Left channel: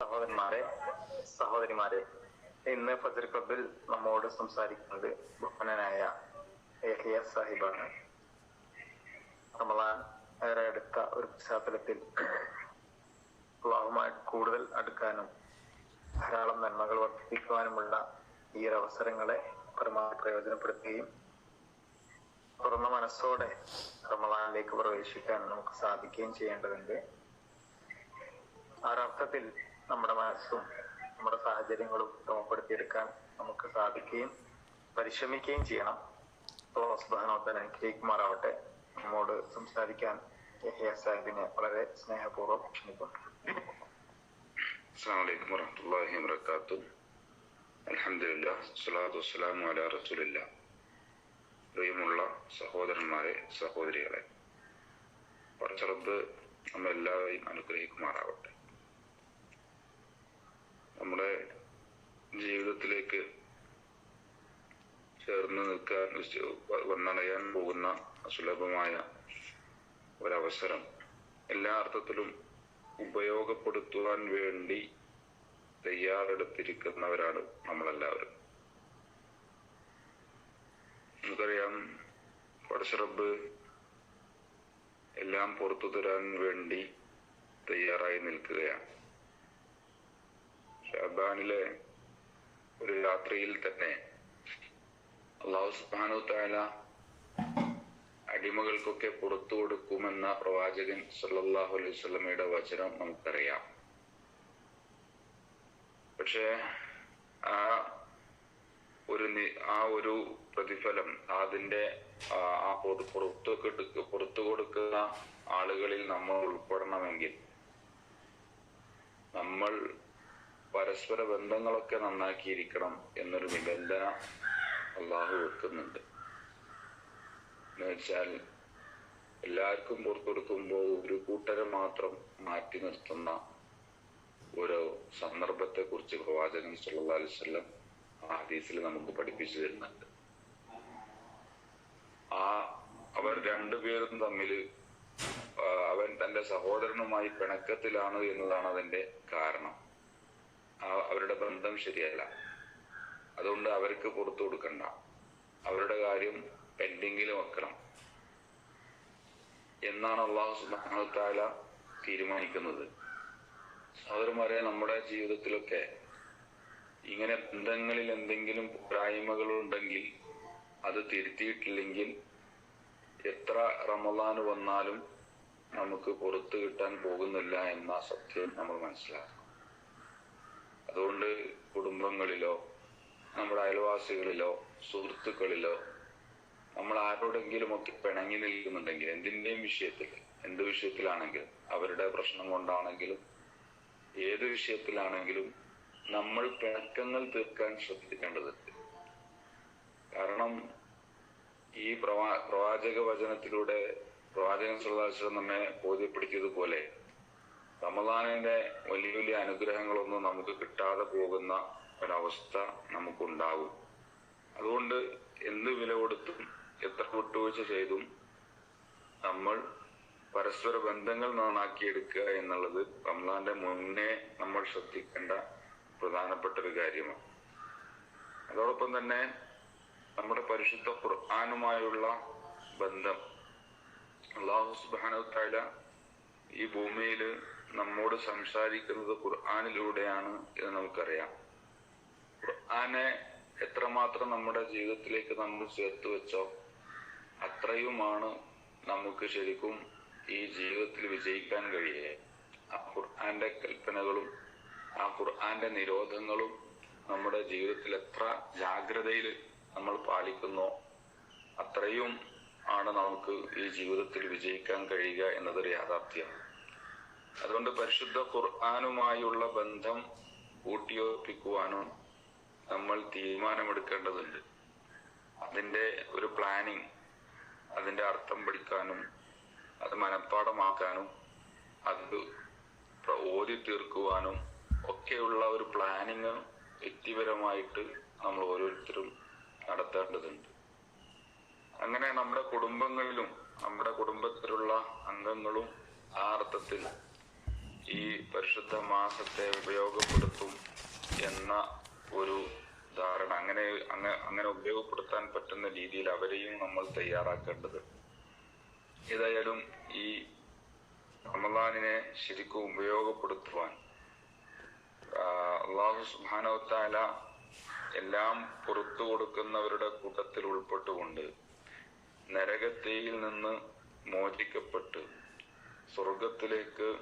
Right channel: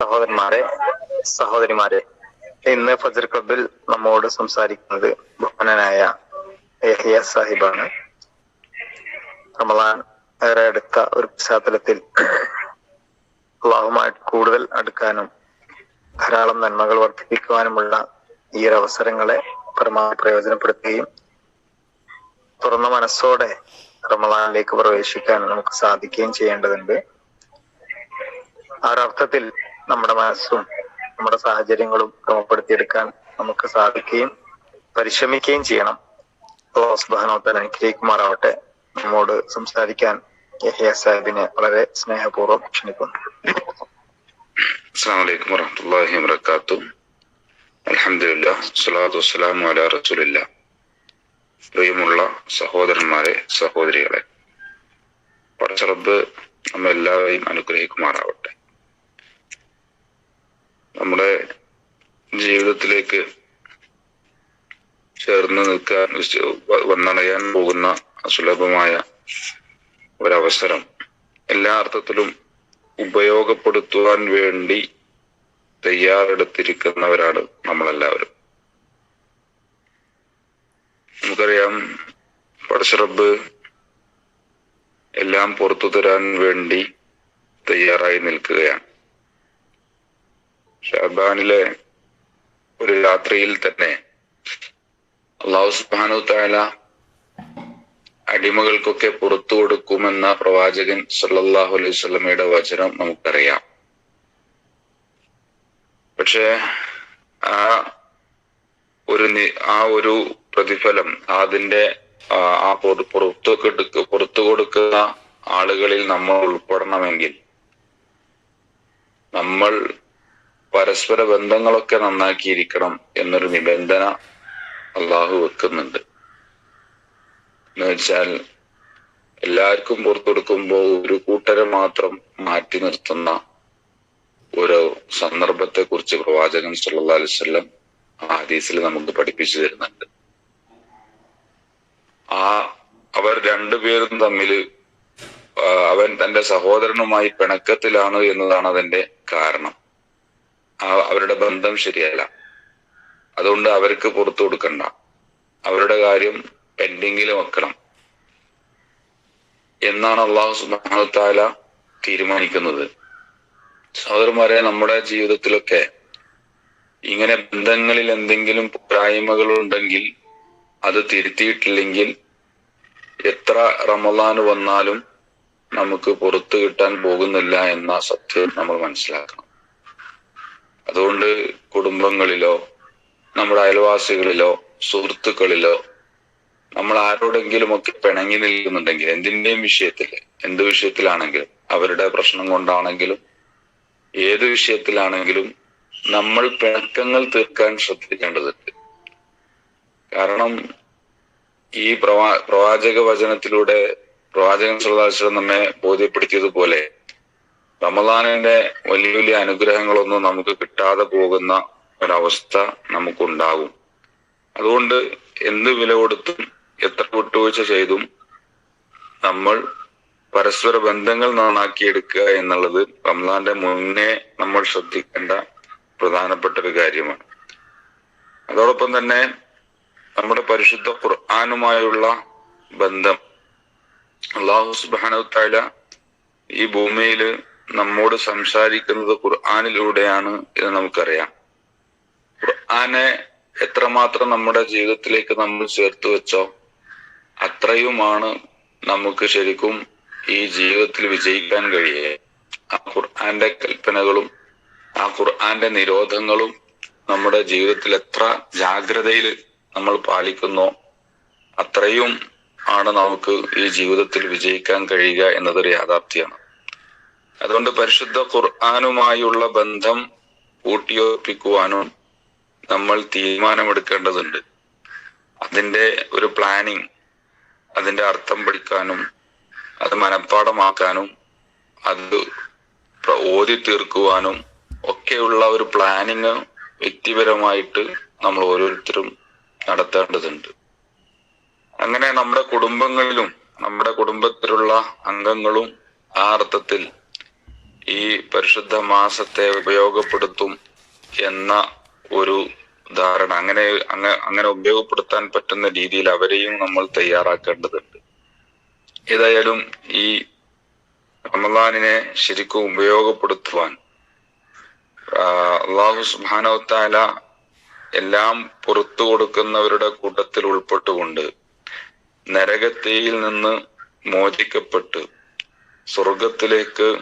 സഹോദരന്മാരെ സഹോദരിമാരെ ഇന്ന് ഫജർ ക്ലബിൽ നമ്മോട് സംസാരിക്കുന്നത് ബഹുമാനായ യഹിയ സാഹിബാണ്. റമലാൻ ഏറെ അടുത്ത ഒരു പശ്ചാത്തലത്തിൽ അള്ളാഹുമായിട്ട് കൂടുതൽ അടുക്കാനും ധാരാളം നന്മകൾ വർദ്ധിപ്പിക്കുവാനുമുള്ള ഈ ഒരു അവസരങ്ങളെ പരമാവധി പ്രയോജനപ്പെടുത്തുകയും തുറന്ന മനസ്സോടെ റമലാനിലേക്ക് പ്രവേശിക്കാൻ നമുക്ക് സാധിക്കുകയും ചെയ്യേണ്ടതുണ്ട്. ആ ഒരർത്ഥത്തിൽ നമ്മുടെ മനസ്സും നമ്മുടെ സാഹചര്യങ്ങളും ക്രമപ്പെടുത്തിയെടുക്കാൻ നമുക്ക് സാധിക്കുകയും പരിശ്രമിക്കുകയും ചെയ്യണം. സുബാനോത്തൽ അനുഗ്രഹിക്കുമാറാവട്ടെ. നമ്മോട് സംസാരിക്കാൻ യഹിയ സാഹിബിനെ വളരെ സ്നേഹപൂർവം ക്ഷണിക്കുന്നു. പ്രിയമുള്ള സഹോദരന്മാരെ സഹോദരികളെ പടച്ചറബ് നമ്മെല്ലാവരെയും അനുഗ്രഹിക്കുമാറാവട്ടെ. നമ്മുടെ ജീവിതത്തിലേക്ക് ചേർന്ന് നിൽക്കാൻ വന്നണയാൻ പോകുന്ന സുലഭമായ ഒരവസരം. എല്ലാ അർത്ഥത്തിലും ഉപയോഗപ്പെടുത്തുവാൻ വേണ്ടി തയ്യാറെടുത്തിരിക്കുന്നവരാണ് നമ്മളെല്ലാവരും. നമുക്കറിയാം പടശ്രബ് എല്ലാം പുറത്തു തരാൻ വേണ്ടി തയ്യാറായി നിൽക്കുകയാണ്. ഷാബാനിലെ ഒരു രാത്രിയിൽ തന്നെ അള്ളാഹു സുബാനു താല അടിമകൾക്കൊക്കെ പുറത്തു കൊടുക്കുമെന്ന പ്രവാചകൻ സല്ലാഹു അലൈഹി സ്വലമയുടെ വചനം നമുക്കറിയാം. പക്ഷെ ആ ഒരു ആ ഒരു പ്രതിഫലം അതിന്റെ ആ പുറത്തു പുറത്തു കൊടുക്കുന്ന ആളുകളിൽ നമ്മൾ ഉൾപ്പെടണമെങ്കിൽ നമ്മൾ പരസ്പര ബന്ധങ്ങളൊക്കെ നന്നാക്കിയിരിക്കണം എന്നൊരു നിബന്ധന അള്ളാഹു വെക്കുന്നുണ്ട്. എന്ന് വെച്ചാൽ എല്ലാവർക്കും പുറത്തു കൊടുക്കുമ്പോൾ ഒരു കൂട്ടരെ മാത്രം മാറ്റി നിർത്തുന്ന ഒരു സന്ദർഭത്തെ കുറിച്ച് പ്രവാചകൻ സല്ലാ അലിസ്വല്ലം ആ ഹദീസിൽ നമുക്ക് പഠിപ്പിച്ചു തരുന്നുണ്ട്. ആ അവർ രണ്ടുപേരും തമ്മിൽ അവൻ തന്റെ സഹോദരനുമായി പിണക്കത്തിലാണ് എന്നതാണ് അതിന്റെ കാരണം. അവരുടെ ബന്ധം ശരിയല്ല. അതുകൊണ്ട് അവർക്ക് പുറത്തു കൊടുക്കണ്ട. അവരുടെ കാര്യം പെൻഡിങ്ങിൽ വെക്കണം. എന്നാണ് അള്ളാഹു സുബാനത്താല താല തീരുമാനിക്കുന്നത്. സഹോദരന്മാരെ നമ്മുടെ ജീവിതത്തിലൊക്കെ ഇങ്ങനെ ബന്ധങ്ങളിൽ എന്തെങ്കിലും പോരായ്മകൾ ഉണ്ടെങ്കിൽ അത് തിരുത്തിയിട്ടില്ലെങ്കിൽ എത്ര റമദാൻ വന്നാലും നമുക്ക് പുറത്തു കിട്ടാൻ പോകുന്നില്ല എന്ന സത്യം നമ്മൾ മനസ്സിലാക്കണം. അതുകൊണ്ട് കുടുംബങ്ങളിലോ നമ്മുടെ അയൽവാസികളിലോ സുഹൃത്തുക്കളിലോ നമ്മൾ ആരോടെങ്കിലും ഒക്കെ പിണങ്ങി നിൽക്കുന്നുണ്ടെങ്കിൽ എന്തിന്റെയും വിഷയത്തിൽ എന്ത് വിഷയത്തിലാണെങ്കിലും അവരുടെ പ്രശ്നം കൊണ്ടാണെങ്കിലും ഏത് വിഷയത്തിലാണെങ്കിലും നമ്മൾ പിണക്കങ്ങൾ തീർക്കാൻ ശ്രദ്ധിക്കേണ്ടതുണ്ട്. കാരണം ഈ പ്രവാ പ്രവാചക വചനത്തിലൂടെ പ്രവാചകൻ സുല്ലാശ്വരം നമ്മെ ബോധ്യപ്പെടുത്തിയതുപോലെ റമദാനിന്റെ വലിയ വലിയ അനുഗ്രഹങ്ങളൊന്നും നമുക്ക് കിട്ടാതെ പോകുന്ന ഒരവസ്ഥ നമുക്കുണ്ടാകും. അതുകൊണ്ട് എന്ത് വില കൊടുത്തും എത്ര വിട്ടുവീഴ്ച ചെയ്തും നമ്മൾ പരസ്പര ബന്ധങ്ങൾ നന്നാക്കിയെടുക്കുക എന്നുള്ളത് റംസാന്റെ മുന്നേ നമ്മൾ ശ്രദ്ധിക്കേണ്ട പ്രധാനപ്പെട്ട ഒരു കാര്യമാണ്. അതോടൊപ്പം തന്നെ നമ്മുടെ പരിശുദ്ധ ഖുർആാനുമായുള്ള ബന്ധം. അള്ളാഹു സുബാന ഈ ഭൂമിയിൽ നമ്മോട് സംസാരിക്കുന്നത് ഖുർആാനിലൂടെയാണ് എന്ന് നമുക്കറിയാം. ഖുർആനെ എത്രമാത്രം നമ്മുടെ ജീവിതത്തിലേക്ക് നമ്മൾ ചേർത്ത് വെച്ചോ അത്രയുമാണ് നമുക്ക് ശരിക്കും ഈ ജീവിതത്തിൽ വിജയിക്കാൻ കഴിയുക. ആ ഖുർആന്റെ കൽപ്പനകളും ആ ഖുർആന്റെ നിരോധങ്ങളും നമ്മുടെ ജീവിതത്തിൽ എത്ര ജാഗ്രതയിൽ നമ്മൾ പാലിക്കുന്നോ അത്രയും ആണ് നമുക്ക് ഈ ജീവിതത്തിൽ വിജയിക്കാൻ കഴിയുക എന്നതൊരു യാഥാർത്ഥ്യമാണ്. അതുകൊണ്ട് പരിശുദ്ധ ഖുർആാനുമായുള്ള ബന്ധം ഊട്ടിയോർപ്പിക്കുവാനും നമ്മൾ തീരുമാനമെടുക്കേണ്ടതുണ്ട്. അതിന്റെ ഒരു പ്ലാനിങ് അതിന്റെ അർത്ഥം പഠിക്കാനും അത് മനഃപ്പാടമാക്കാനും അത് ഓതി തീർക്കുവാനും ഒക്കെയുള്ള ഒരു പ്ലാനിങ് വ്യക്തിപരമായിട്ട് നമ്മൾ ഓരോരുത്തരും നടത്തേണ്ടതുണ്ട്. അങ്ങനെ നമ്മുടെ കുടുംബങ്ങളിലും നമ്മുടെ കുടുംബത്തിലുള്ള അംഗങ്ങളും ആ അർത്ഥത്തിൽ ഈ പരിശുദ്ധ മാസത്തെ ഉപയോഗപ്പെടുത്തും എന്ന ഒരു ധാരണ. അങ്ങനെ അങ്ങ- അങ്ങനെ ഉപയോഗപ്പെടുത്താൻ പറ്റുന്ന രീതിയിൽ അവരെയും നമ്മൾ തയ്യാറാക്കേണ്ടതുണ്ട്. ഏതായാലും ഈ റമദാനിനെ ശരിക്കും ഉപയോഗപ്പെടുത്തുവാൻ അള്ളാഹു സുബാനോത്താല എല്ലാം പുറത്തു കൊടുക്കുന്നവരുടെ കൂട്ടത്തിൽ ഉൾപ്പെട്ടുകൊണ്ട് നരകത്തീയിൽ നിന്ന് മോചിക്കപ്പെട്ട് സ്വർഗത്തിലേക്ക്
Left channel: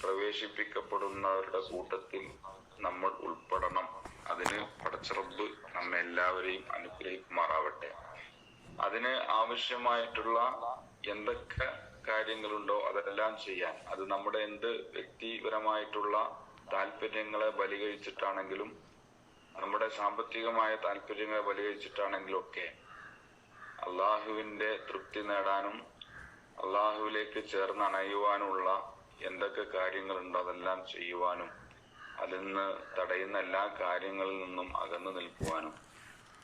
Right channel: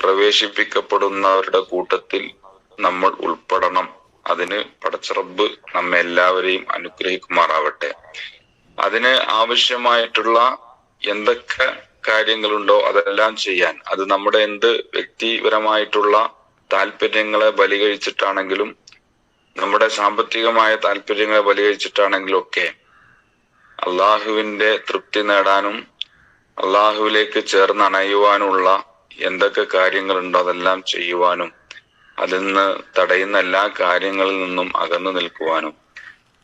പ്രവേശിപ്പിക്കപ്പെടുന്നവരുടെ കൂട്ടത്തിൽ നമ്മൾ ഉൾപ്പെടണം. അതിന് പടച്ചറബ് നമ്മെ എല്ലാവരെയും അനുഗ്രഹിക്കുമാറാവട്ടെ. അതിന് ആവശ്യമായിട്ടുള്ള എന്തൊക്കെ കാര്യങ്ങളുണ്ടോ അതെല്ലാം ചെയ്യാൻ അത് നമ്മുടെ എന്ത് വ്യക്തിപരമായിട്ടുള്ള താല്പര്യങ്ങളെ ബലികഴിച്ചിട്ടാണെങ്കിലും നമ്മുടെ സാമ്പത്തികമായ താല്പര്യങ്ങളെ ബലികഴിച്ചിട്ടാണെങ്കിലും ഒക്കെ അള്ളാഹുവിന്റെ തൃപ്തി നേടാനും അള്ളാഹുവിലേക്ക് ചേർന്ന് അണയുവാനുള്ള എന്തൊക്കെ കാര്യങ്ങളുണ്ടോ അതെല്ലാം ചെയ്യുവാനും അതിൽ നിന്ന് തടയുന്ന എല്ലാ കാര്യങ്ങളിൽ നിന്നും അകന്നു നിൽക്കുവാനും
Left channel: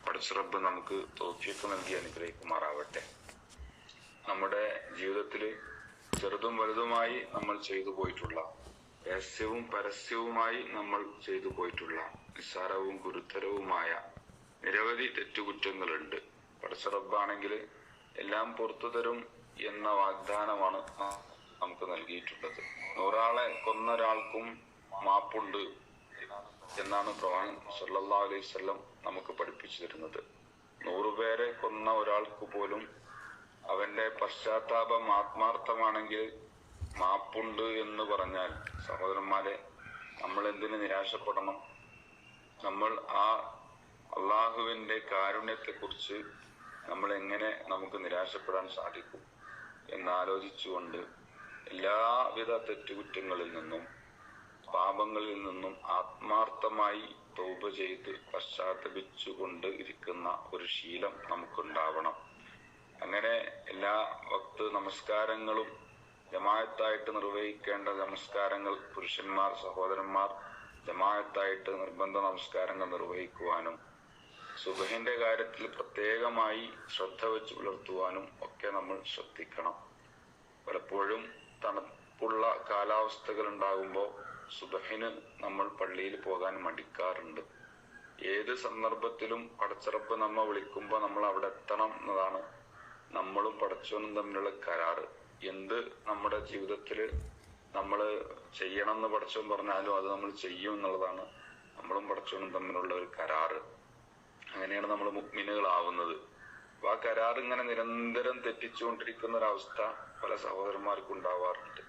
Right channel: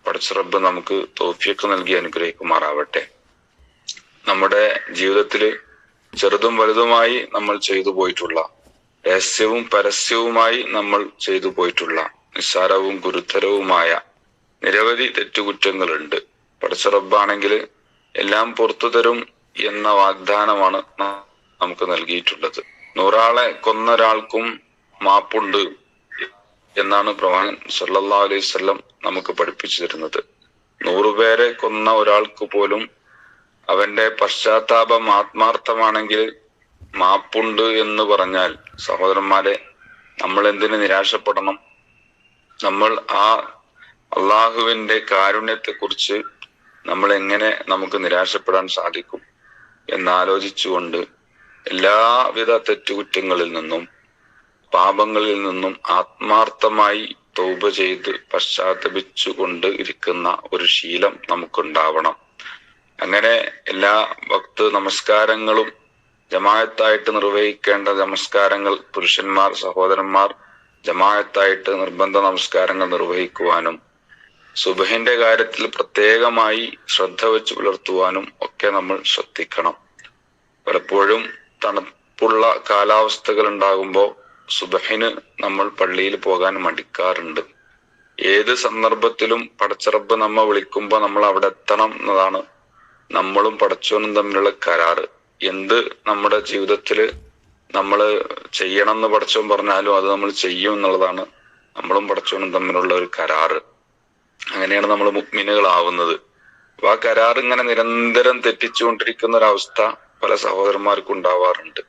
പടച്ചിറബ് നമുക്ക് തോഫിയൊക്കെ നൽകി അനുഗ്രഹിക്കുമാറാവട്ടെ. നമ്മുടെ ജീവിതത്തിൽ ചെറുതും വലുതുമായി നമ്മൾ ചെയ്തു പോയിട്ടുള്ള രഹസ്യവും പരസ്യവുമായി നമ്മൾ ചെയ്തു പോയിട്ടുള്ള നിസ്സാരവും ഗുരുതരവുമായ നിരവധി തെറ്റുകുറ്റങ്ങളുണ്ട്. പടച്ചിറബാണെങ്കിൽ എല്ലാം പുറത്തു തരും എന്ന വാഗ്ദാനമാണ് നമുക്ക് നൽകിയിട്ടുള്ളത്. നൂറാളെ കൊന്ന ഒരാൾക്കും മാപ്പുണ്ട് എന്നാണ് പ്രവാൻ സല്ലാ അലൈഹി വസല്ലം നമുക്ക് പഠിപ്പിച്ചു തരുന്നത്. നൂറുപേരെ കൊന്ന ഒരാൾക്ക് പോലും അവന്റെ പശ്ചാത്താപം ആത്മാർത്ഥമാണെങ്കിൽ മാപ്പുണ്ട് എന്ന് പറഞ്ഞാൽ സഹോദരന്മാരെ നമ്മൾ എന്തിന് നിരാശപ്പെടണം? നമ്മൾ ആ അള്ളാഹുവിന്റെ കാരുണ്യത്തെ കുറിച്ച് നമ്മൾ എങ്ങനെ നമുക്ക് നിരാശപ്പെടാൻ സാധിക്കും എന്നാലോചിച്ചുകൊണ്ട് എല്ലാവിധ തെറ്റുകുറ്റങ്ങളിൽ നിന്നും പാപങ്ങളിൽ നിന്നും ആത്മാർത്ഥമായി തൗബ ചെയ്ത് പശ്ചാത്തപിച്ചുകൊണ്ട് ഇരിക്കുന്ന ഒരു ശീലം നമുക്കുണ്ടാവണം. അങ്ങനെ എല്ലാ ഭക്ത നമസ്കാരങ്ങളും ജമായത്തായിട്ട് നിർവഹിക്കേണ്ട നമസ്കാരങ്ങൾ പുരുഷന്മാർ സഹോദരന്മാർ ജമായത്തായിട്ട് നിർബന്ധ നമസ്കാരങ്ങൾ നിർവഹിക്കുവാനും സുബഹിന്റെ കാര്യത്തിൽ പ്രത്യേകമായി ശ്രദ്ധ വെച്ച് പുലർത്തുവാനും ഒക്കെ നമ്മൾ ശ്രദ്ധിക്കണം. പലപ്പോഴും തണുപ്പുള്ള കാലാവസ്ഥകൾ ഉണ്ടാകുമ്പോൾ സുബഹിന് നമ്മൾ പള്ളിയിൽ പോകാൻ മടിക്കാറുണ്ട്. ഏത് സന്ദർഭത്തിലും പടച്ചിറപ്പ് നമ്മ വിളിക്കുമ്പോൾ നമ്മൾ അവിടെ എത്തണം എന്നതാണ് നമ്മളും പടച്ചോനും തമ്മിലുള്ള കരാറ്. എന്ത് നമ്മുടെ ജീവിതത്തിൽ നമ്മൾ ചെയ്യണം എന്ന് പടച്ചോൻ പറഞ്ഞാലും അത് നമ്മൾ ചെയ്യും എന്നുള്ളതാണ് നമ്മളും പടച്ചോനും തമ്മിലുള്ള ഒരു കരാറ്. അങ്ങനെയാണ് നമ്മൾ മുഗ്മിനുകളാവുന്നത് അപ്പൊ ആ കരാർ ഇങ്ങനെ നിരന്തരം തെറ്റിച്ചുകൊണ്ടിരിക്കുന്ന ഒരവസ്ഥ പല സഹോദരന്മാർക്കും ഉണ്ടാവാറുണ്ട്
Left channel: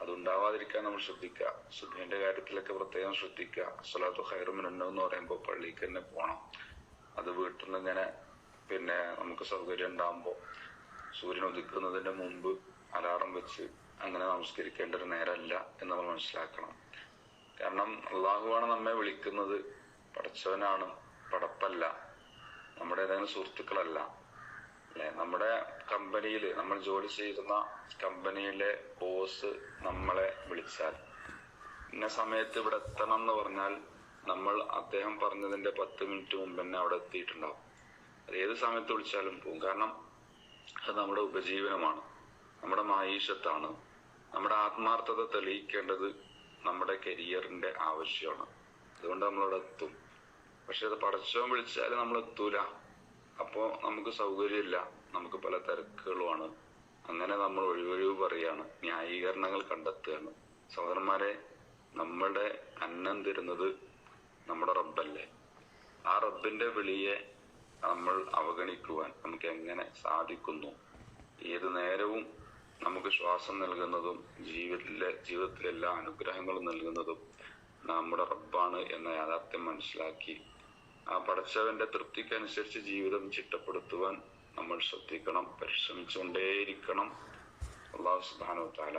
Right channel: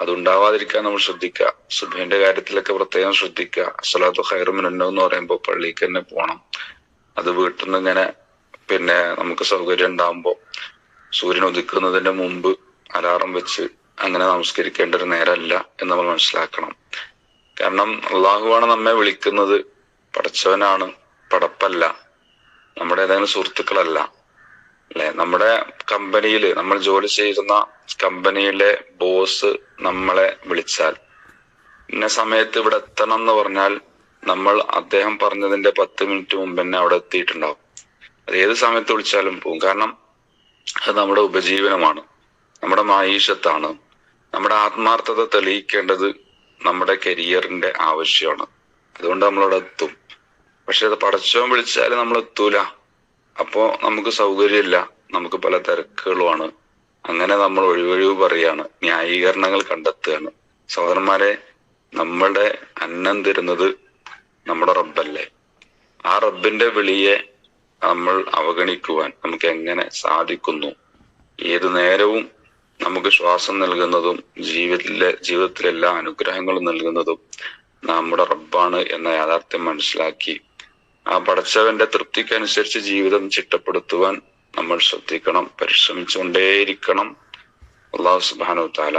അത് ഉണ്ടാവാതിരിക്കാൻ നമ്മൾ ശ്രദ്ധിക്കുക. സുബഹിന്റെ കാര്യത്തിലൊക്കെ പ്രത്യേകം ശ്രദ്ധിക്കുക. അസലാത്തു ഹൈറുമിനുണ്ടോ എന്ന് പറയുമ്പോൾ പള്ളിക്ക് തന്നെ പോകണം. അത് വീട്ടിൽ നിന്ന് ഇങ്ങനെ പിന്നെ നമുക്ക് സൗകര്യം ഉണ്ടാകുമ്പോ സൂര്യൻ ഉദിക്കുന്നതിന്റെ മുമ്പ് അലാറം വെച്ച് അങ്ങനെ നമസ്കരിക്കേണ്ട ഒരു നേരമല്ല എന്ന് നമ്മൾ മനസ്സിലാക്കണം. കാരണം അള്ളാഹുവാണ് നമ്മെ വിളിക്കുന്നത്. പടച്ചവനാണ് പടപ്പല്ല നമ്മുടെ ഏതെങ്കിലും സുഹൃത്തുക്കളല്ല. അല്ലെ നമ്മുടെ കമ്പനിയിൽ നമ്മൾ ജോലി ചെയ്യുന്ന കമ്പനിയിലെ ബോസ് നമ്മളെ വിളിച്ചാൽ ഇന്ന സമയത്ത് ഇവിടെ എത്തണം എന്ന് പറഞ്ഞാൽ നമ്മൾ അദ്ദേഹം പറഞ്ഞതിന്റെ പത്ത് മിനിറ്റ് മുമ്പ് തന്നെ അവിടെ എത്തിയിട്ടുണ്ടാവും. അത് ഏത് സമയത്ത് വിളിച്ചാലും പോകും കാരണം അത് നമ്മുടെ ഉപജീവനമാണ് നമ്മുടെ മായീഷത്താണ് നമ്മുടെ ആത്മാർത്ഥത തെളിയിക്കേണ്ടത് നമ്മുടെ കരിയറിന്റെ ആവശ്യമാണ്. അതുകൊണ്ട് നമ്മളവിടെ എത്തും. പക്ഷെ അത് പടച്ചവൻ വിളിച്ചാൽ നമ്മൾ എത്തൂല അപ്പോ നമുക്ക് സൗകര്യമില്ല. നമുക്ക് പല തിരക്കുകളുമാണ്. അങ്ങനെ നമ്മൾ ഒഴിവൊഴിവ് പറയാണ്. ന്യായീകരണങ്ങൾ കണ്ടെത്തുകയാണ്. സഹോദരന്മാരെ നമ്മളുടെ അന്നം തരുന്നത് നമ്മുടെ റബ്ബല്ലേ? ആ റബ്ബിന്റെ വിളിയെ നമ്മൾ അവഗണിക്കുവാൻ നമുക്ക് എങ്ങനെ സാധിക്കുന്നു? ഏതു നേരവും നമുക്ക് ശ്വാസം നൽകുന്നതും ജീവിതത്തിലെ ജീവിതത്തിലെല്ലാ അനുഗ്രഹങ്ങളും നൽകുന്നതും നമ്മുടെ റബ്ബാണ് എന്ന യാഥാർത്ഥ്യം മനസ്സിലാക്കി ആ പടച്ചവന്റെ തൃപ്തിക്കനുസരിച്ച് ജീവിതം ചിട്ടപ്പെടുത്തുവാൻ നമ്മൾ ശ്രദ്ധിക്കണം പരിശ്രമിച്ചുകൊണ്ടേയിരിക്കണം. അള്ളാഹു സുബാനു താല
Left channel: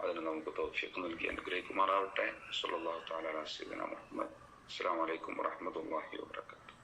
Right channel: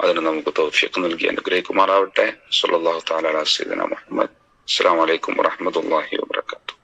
അതിന് നമുക്ക് തൗഫിയൊക്കെ നൽകി അനുഗ്രഹിക്കുമാറാവട്ടെ. സല്ലല്ലാഹു താല സയ്യിദിന മുഹമ്മദ്. അസ്സലാമു അലൈക്കും വറഹ്മത്തുള്ളാഹി വബറകാതുഹു.